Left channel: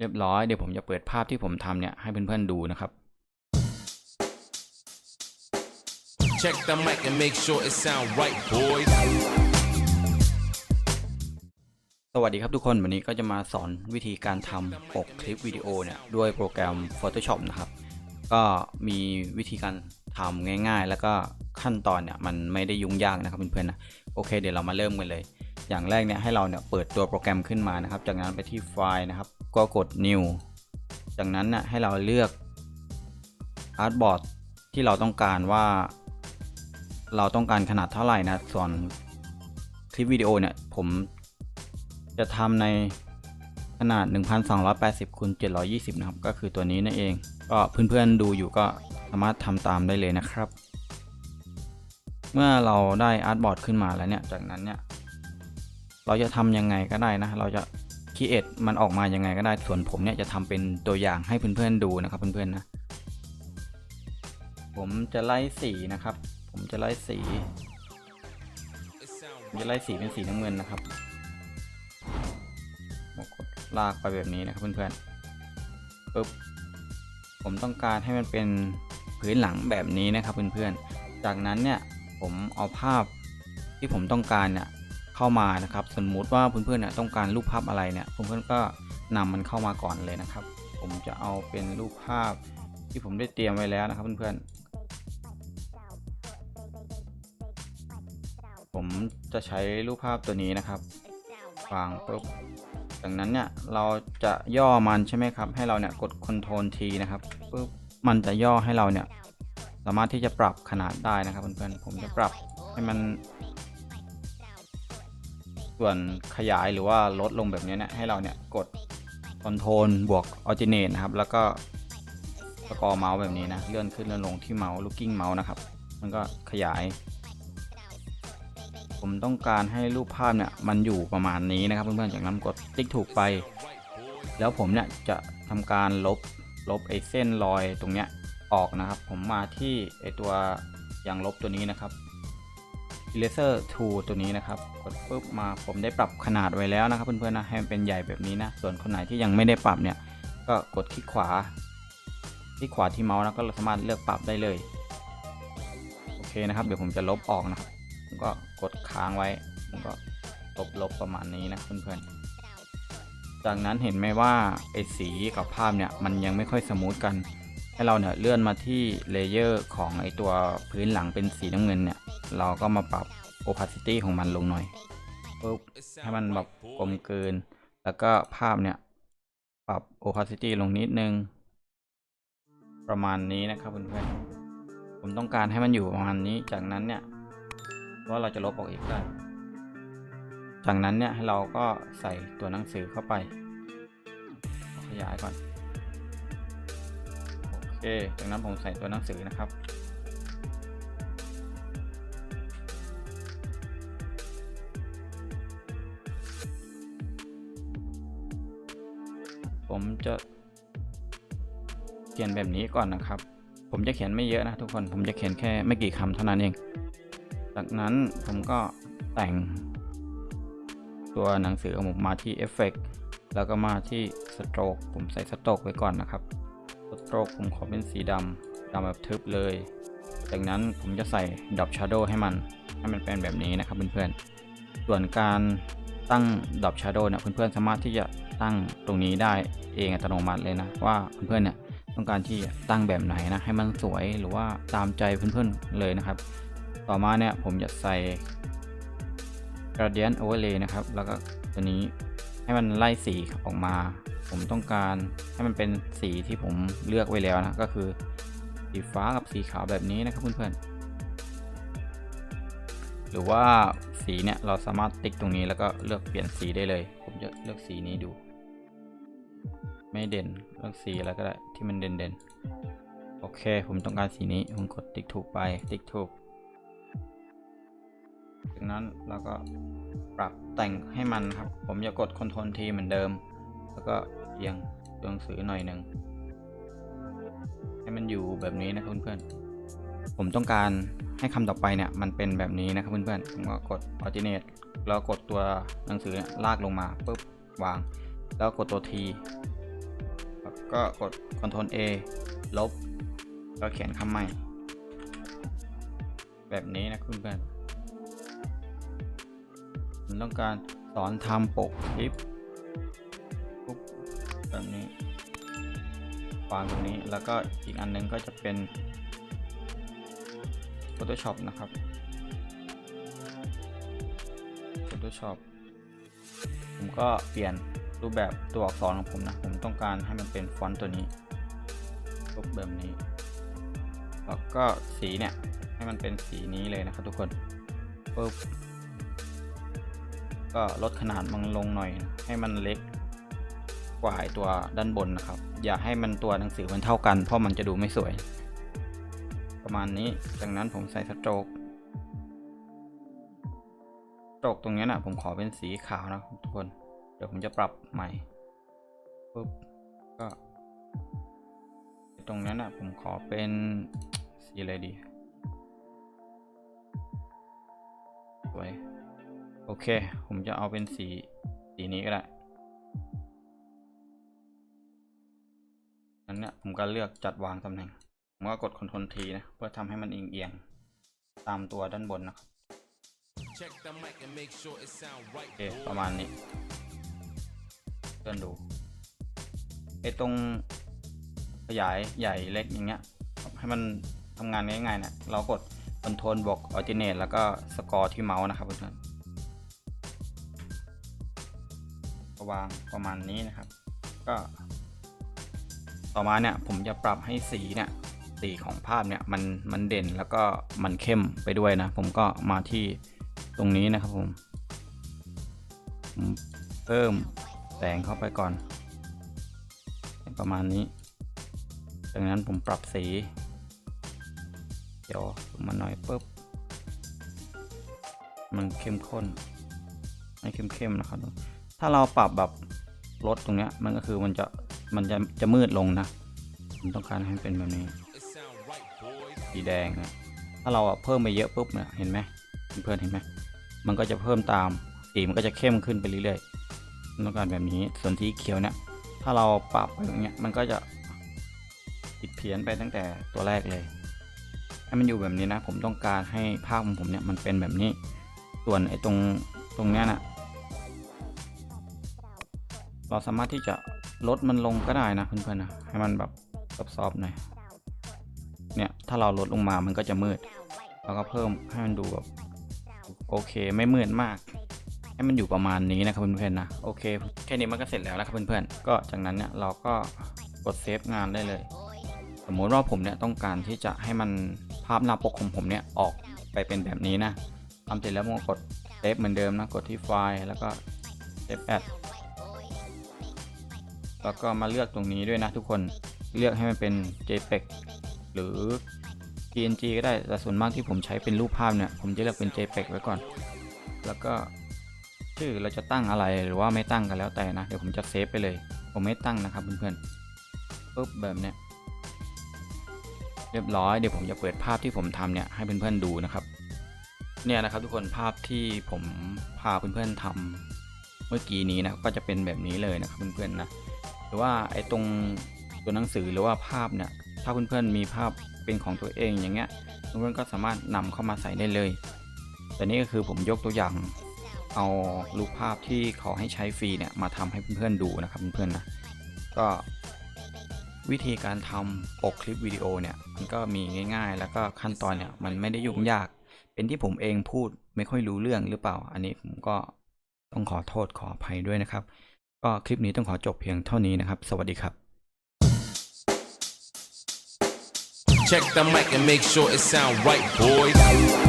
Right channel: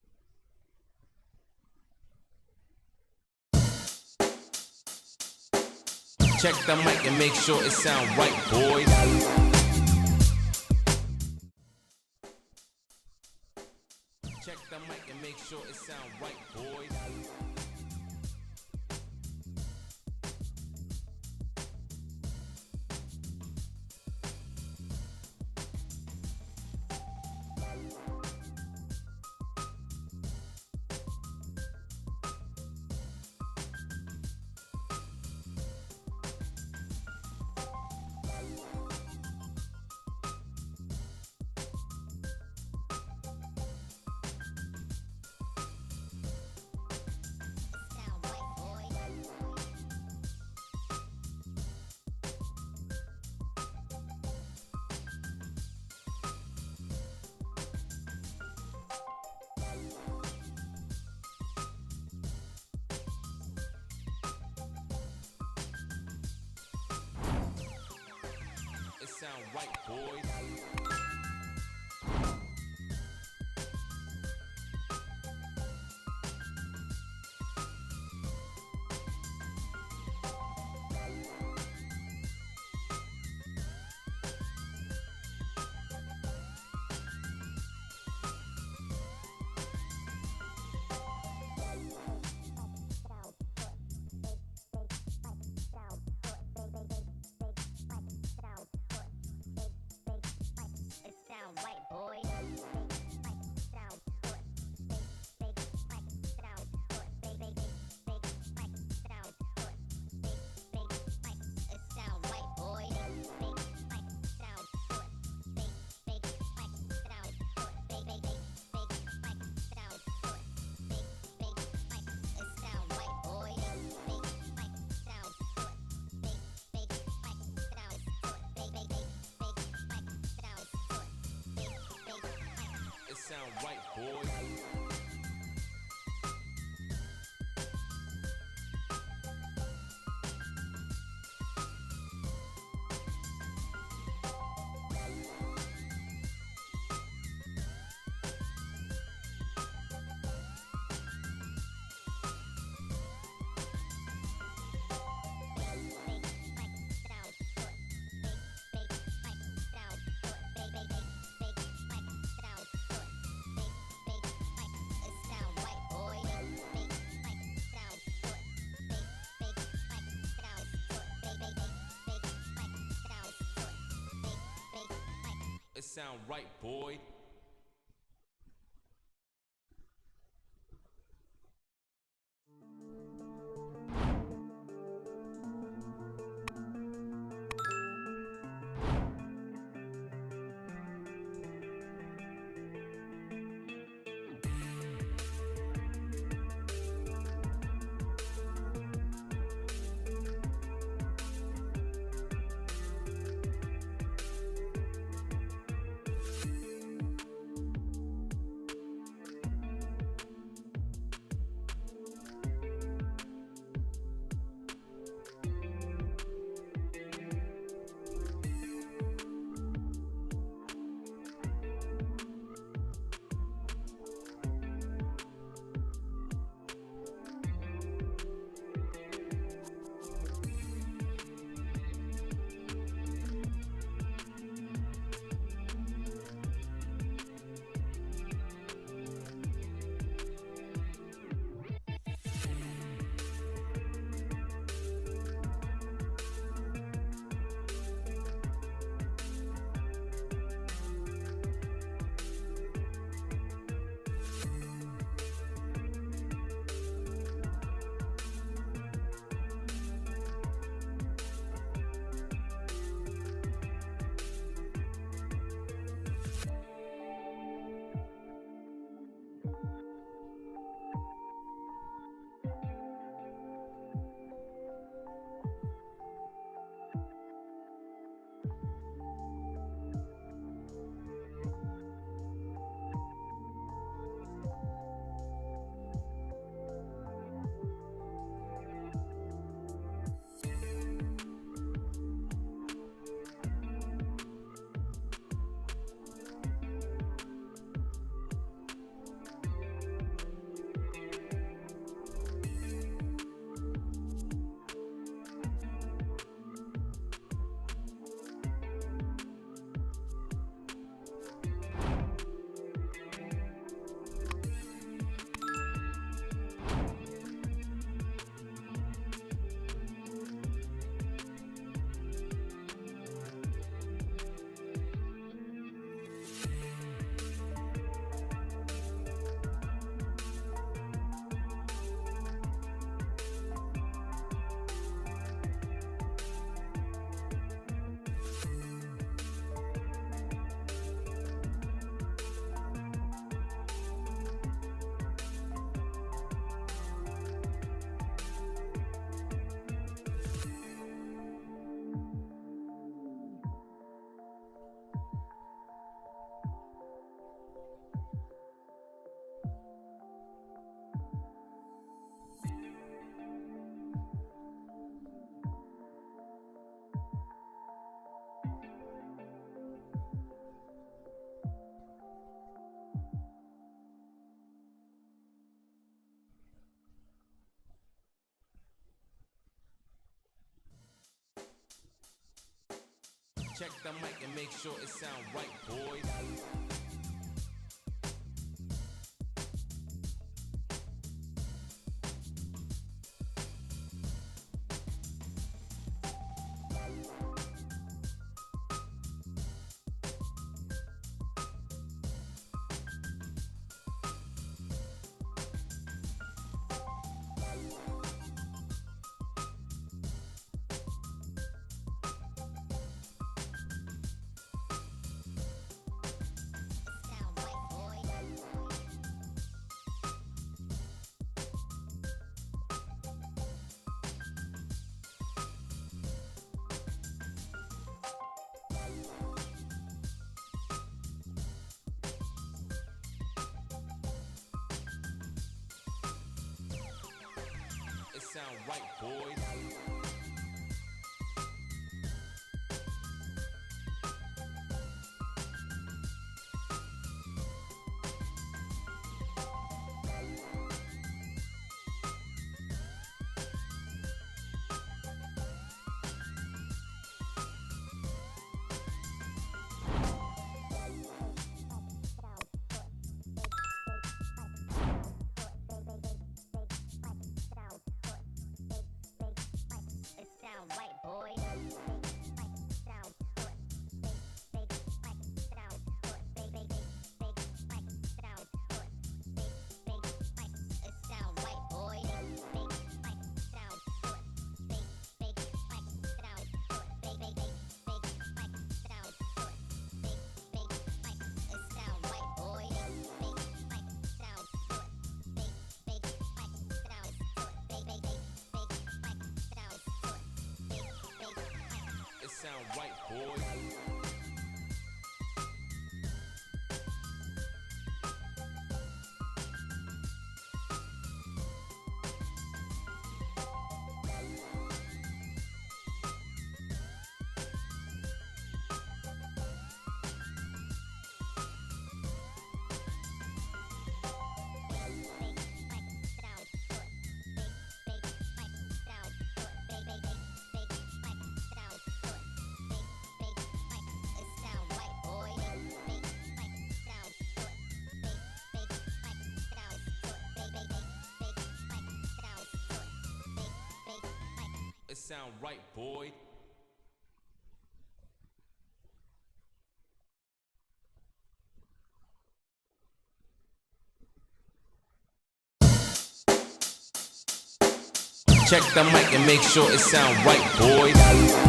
เรียบร้อยเดี๋ยวผมจะเปิดภาพที่ผมทำเนี่ยให้เพื่อนๆดูนะครับ Check the mic and make sure it sound right, boys. สวัสดีครับทุกคนวันนี้ก็จะมาสอนวิธีการทำปกคลิปวิดีโอเนี่ยด้วยโปรแกรม Photoshop นะครับ ก็มีวิธีการทำง่ายๆ แล้วก็ขั้นตอนเนี่ยมันไม่ได้ยุ่งยากนะครับเพื่อนๆนะโอเคเดี๋ยวเรามาเริ่มกันเลย อย่างแรกเนี่ยให้เราเนี่ยเปิดตัวโปรแกรมขึ้นมานะครับ จากนั้นไปที่ไฟล์นะครับ ก็กด new จากนั้นน่ะให้เราเลือก artboard ที่เราต้องการว่า เราต้องการขนาดเท่าไหร่นะส่วนคลิปวิดีโอเนี่ยผมจะทำในขนาด 1280คูณ720 นะครับ ก็คือตัวนี้นั่นเอง ก็เพื่อนๆดูอยู่ก็สามารถทำตามได้เลยนะครับ เมื่อเราได้อาร์ตบอร์ดขึ้นมาแล้วเนี่ย จากนั้นเนี่ย เราจะทำยังไงก็ได้นะ เราจะคิดเอทมันออกมายังไงก็ได้ ส่วนผมเนี่ยจะทำเป็นตัวอย่างให้เพื่อนๆดูนะครับเพื่อนๆนะ ผมจะไล่สีนะครับ ผมจะไล่สีจะไล่สีเป็นสีน้ำเงินนะครับกดลากไปแบบนี้นะครับเพื่อนๆปึ๊บ ผมต้องการให้มันเป็นพื้นหลังแบบนี้นะครับเพื่อนๆ จากนั้นเนี่ยผมเอาภาพที่ผมต้องการเนี่ย เข้ามานะครับ สมมุติว่าเพื่อนๆเนี่ยต้องการรูปภาพอะไรเนี่ยเพื่อนๆก็นำมันเข้ามาก่อนเลยนะครับ ผมจะเอาเป็นรูปภาพที่ผมได้เตรียมไว้แล้วนะครับเพื่อนๆ ผมจะใช้รูปภาพตัวนี้นะครับวางปุ๊บจากนั้นเนี่ยเราจะย่อมันใช่ไหมครับ ให้เราเนี่ยกด Ctrl T นะครับปุ๊บมันจะย่อให้เราเนี่ยสามารถที่จะปรับขนาดได้นะครับเพื่อนๆ ผมจะปรับให้มัน ส่วนขยายหรือว่าลดลงแบบนี้เนี่ยให้เราเนี่ยกด Ctrl บวก Alternate นะครับ แล้วก็สกอร์เมาส์แบบนี้นะเลื่อนขึ้นเลื่อนลงที่เมาส์ looking เมาส์นะครับ มันก็ขยาย ผมต้องการให้รูปภาพเนี่ยมันอยู่ประมาณนี้นะครับเพื่อนๆจากนั้นกดติ๊กถูกไป แล้วผมเนี่ยจะทำการลบลบไอ้เส้นรอยตรงเนี้ยออกนะครับ ผมมาที่ไอ้ตัวยางลบตัวนี้นะครับ eraser tool ตัวนี้นะครับกดปุ๊บมาผมได้ปรับขนาดไว้แล้วนะครับเพื่อนๆนะให้มันเป็นใหญ่แบบนี้นะ ส่วนคนไหนที่ยังไม่ได้ปรับเนี่ยก็กดคลิกขวาคลิกขวาที่เมาส์นะก็สามารถเลือกปรับได้เลยโอเคนะครับ เดี๋ยวผมจะลบออกนะผมก็กดค้างไว้ผมก็ลบลบประมาณนี้นะเพื่อนๆจากนั้นเห็นไหมว่าไอ้สีกับภาพเนี่ยมันยังไม่ค่อยสมูทกันให้เราเนี่ยเลื่อนมาที่เลเยอร์ของไอตัวพื้นหลังเป็นสีน้ำเงินเนี่ย เราก็มาปรับ opacity ของมันลงหน่อยปุ๊บให้มันแบบกลมเกิน แล้วก็ภาพเนี่ย ปรับ opacity ลงนิดนึง ประมาณนี้นะครับเพื่อนๆผมต้องการให้มันอยู่ประมาณนี้ จากนั้นเนี่ยว่าเราจะลบออกอีกแล้วจากนั้นเนี่ยให้เราก็ใส่ตัวหนังสือเข้าไป ขยายก่อน โอเคจากนั้นผมใส่ตัวหนังสือนะครับ ก่อนนะครับ ผมจะเขียนไม่เยอะนะทุกคน ผมจะเขียนแค่ไม่กี่คำเท่านั้นเอง จากนั้นผมก็แต่ง ตัวหนังสือของผมมาที่เอฟเฟกแล้วก็มาที่สโตรกผมใส่สโตรกไว้ก่อนนะครับสโตรกผมขอเป็นสีดำดำแบบทึบเลย จากนั้นผมจะใส่ด o อ Shadow ให้มัน ให้มันเป็นแบบนี้นะครับเพื่อนๆ ส่วนการตั้งด o อ Shadow เนี่ยเพื่อนๆสามารถที่จะตั้งตรงนี้ได้เองอัตโนมัติเลยนะ ว่าเพื่อนๆเนี่ย ต้องการที่ตั้งแบบไหนนะให้มันสวยหรือว่าตามใจเพื่อนๆเลยนะครับ ต่อมาเนี่ยผมจะใส่ gradient overlay นะครับ แล้วก็ตัวนี้ให้มันไล่สีออกมา ผมต้องการให้มันเป็นสีที่ผมเลือกไว้แล้วนะก็คือสีฟ้ากับสีขาวแบบนี้นะครับเพื่อนๆหรือว่าสีเนี่ยเราสามารถติ๊กตรงนี้แล้วก็เลือกเปลี่ยนสีได้เลย ผมจะเลือกสีนี้ดู ไม่เด่นเลือกสีอะไรก็ได้ที่มันเด่นๆโอเค ผมต้องการสีนี้ ผมกดติ๊กถูกไป ติ๊กถูก จากนั้นเราก็ปรับแต่งให้มันครับ ผมจะกด Ctrl T เหมือนเดิม แล้วก็เอียงตัวหนังสือหน่อยหนึ่ง ให้มันอยู่แบบนี้นะเพื่อนๆ ผมต้องการให้คำต่อไปเนี่ย มันเป็นแบบนี้นะครับเพื่อนๆ ผมก็กด Alternate แล้วกดตัวหนังสือลากลงมาปุ๊บวาง แล้วกดตัว T ก็กด Ctrl A ลบ ก็เขียนคำใหม่ แบบนี้นะคุณเพื่อนผมต้องการสอนทำปกคลิปปุ๊บแบบนี้วางตรงนี้แล้วก็อีกอันหนึงก็จะเป็น Photoshop นะครับ Photoshop ผมก็เปลี่ยน รูปแบบตัวอักษรของผมนะ ผมต้องการให้มันเป็นฟอนต์ตัวนี้รูปแบบนี้ แล้วก็สีเนี่ย ให้มันเป็นสีนี้เลยนะครับทุกคนปุ๊บก็ลดขนาดมันลงหน่อย ให้มันเล็กกว่าไอตัวด้านบนนะครับ อย่าให้มันตัวหนังสือมันเท่ากัน เพราะมันจะดูไม่สวย ประมาณนี้จากนั้นผมใส่สโตรกสโตรกตรงนี้นะผมขอเป็นสีขาวนะทุกคน เดี๋ยวผมจะปรับใหม่ปุ๊บก็ตรงนั้นนะผมขอเป็นสีอะไรดีสวยโอเค ผมจะเอาเป็นสีสีนี้ก็ได้นั้นเนี่ยผมก็เลือกจัดวางตำแหน่ง ผมก็กด Ctrl T นะ เพื่อทำให้มันเอียงๆตามตัวด้านบนนะครับ Check the mic and make sure it sound right, โอเค boys. ประมาณนี้เลื่อนดูไอตรงขยายใหญ่เล็กอย่างเงี้ยให้มันทำงานง่ายๆนะเรากด Ctrl บวก Alternate แล้วก็สกอร์ที่เมาส์นะครับเพื่อนวางประมาณนี้นะครับ ก็ ต่อมาเนี่ยผมจะปรับให้สีเนี่ยสีของภาพเนี่ยมันมันเด่นแล้วก็มันเข้มไปด้วยนะ ผมก็มาที่ตรงนี้นะครับผม เพิ่ม แสงเข้าไปก่อน ประมาณนี้จากนั้นผมปรับสี เดี๋ยวมาหน่อยปุ๊บ มันเข้มข้นให้เข้มๆนะครับ ถ้าเราปรับแบบลดตรงเนี้ยมันก็คือมันจะมันจะจะมืดลงนะผมต้องการให้มันเป็นแบบนี้สีแดง ถ้าเราอะเพิ่มไปเยอะปุ๊บเนี่ยเห็นไหมเพื่อนๆเห็นไหมมันก็จะเพิ่มตามสีมันก็จะเข้มขึ้นไปเรื่อยๆ ต้องการแบบนี้ส่วนสีเขียวเนี่ย ถ้าเราปรับอย่างเงี้ยมันก็จะผิดเพี้ยนไปตั้งแต่ตัวแรกเลย ให้มันอยู่แบบนี้นะ ผมต้องการให้ภาพของผมเนี่ยมันเป็นแบบนี้ ส่วนไอ้ตรงตรงเนี้ยนะเราสามารถที่จะลดมันลงก็ได้นะเพื่อนๆนะให้มันแบบซอฟๆหน่อยเนี่ยถ้าเราลดลงมามันก็จะมืดเราก็เพิ่มให้มันดูแบบโอเคไม่มืดมาก ให้มันอยู่ประมาณนี้นะครับเพื่อนๆนะโอเคแค่นี้มันก็เสร็จแล้วนะครับเพื่อนๆก็จากนั้นเนี่ยเราก็กดเซฟงานได้เลย สมมติว่าผมเนี่ยต้องการที่จะให้มันภาพหน้าปกของผมเนี่ยออกไปเป็นแบบนี้นะทำเสร็จแล้วผมก็กดเซฟเหมือนเดิมนะกดที่ไฟล์แล้วก็เซฟแอดแล้วก็มาเลือกตรงนี้ด้วยนะทุกคนเลือกให้มันเป็น JPEG หรือ PNG ก็ได้แต่ส่วนมากที่ผมใช้เป็นรูปภาพเนี่ยผมจะเลือกเป็น JPEG ไว้ก่อน แล้วก็ ชื่อเราจะตั้งอะไรหรือว่าไม่ตั้งกันแล้วแต่นะ เดี๋ยวผมจะเซฟไปเลย ผมไม่ตั้งนะครับเพื่อนๆปุ๊บแบบเนี้ยเรียบร้อยเดี๋ยวผมจะเปิดภาพที่ผมทำเนี่ยให้เพื่อนๆดูนะครับ เนี่ยนะครับทุกคนภาพที่ผมพาเพื่อนๆทำเมื่อกี้นี้นะก็จะเป็นแบบนี้เลยนะครับเพื่อนๆนะหรือว่าไอ้ตรงตัวหนังสือหรือว่าภาพเนี่ยถ้าเพื่อนๆมีภาพเป็นของตัวเองอย่างเงี้ยเพื่อนๆก็สามารถนำเข้ามาใส่ได้เลย แต่นี่ก็คือผมยกตัวอย่าง เอารูปภาพที่เขาให้ใช้ฟรีเนี่ยมาทำให้เพื่อนๆดูนะครับเพื่อนๆนะก็วิธีการทำปกคลิปวิดีโอเนี่ยมันก็มีง่าย ๆ แล้วก็ขั้นตอนเนี่ยมันไม่ได้ยุ่งยาก เป็นที่ผมเองพูดไม่ค่อยรู้เรื่องหรือเปล่า อันนี้ผมก็ต้องขอโทษขออภัยด้วยนะครับ ก็คลิปนี้ต้องขอจบเพียงเท่านี้นะครับ สวัสดีครับ Check the mic and make sure it sound right, boys.